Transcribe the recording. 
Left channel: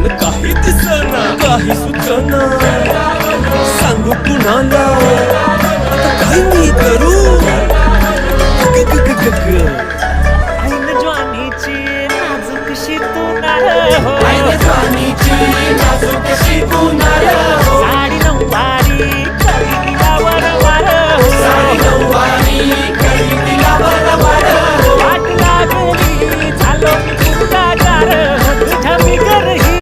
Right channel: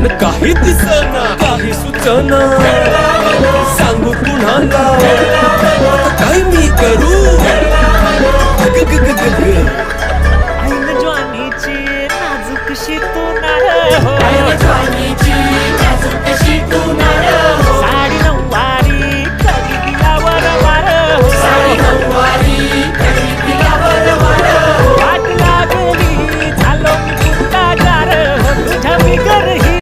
मन काही दिसना, काही सुचना, सांगू कुणाला आता काय मी करू? ग ग ग ग ग. ऐन ज्वानीची नाजूकशी तू नार हो.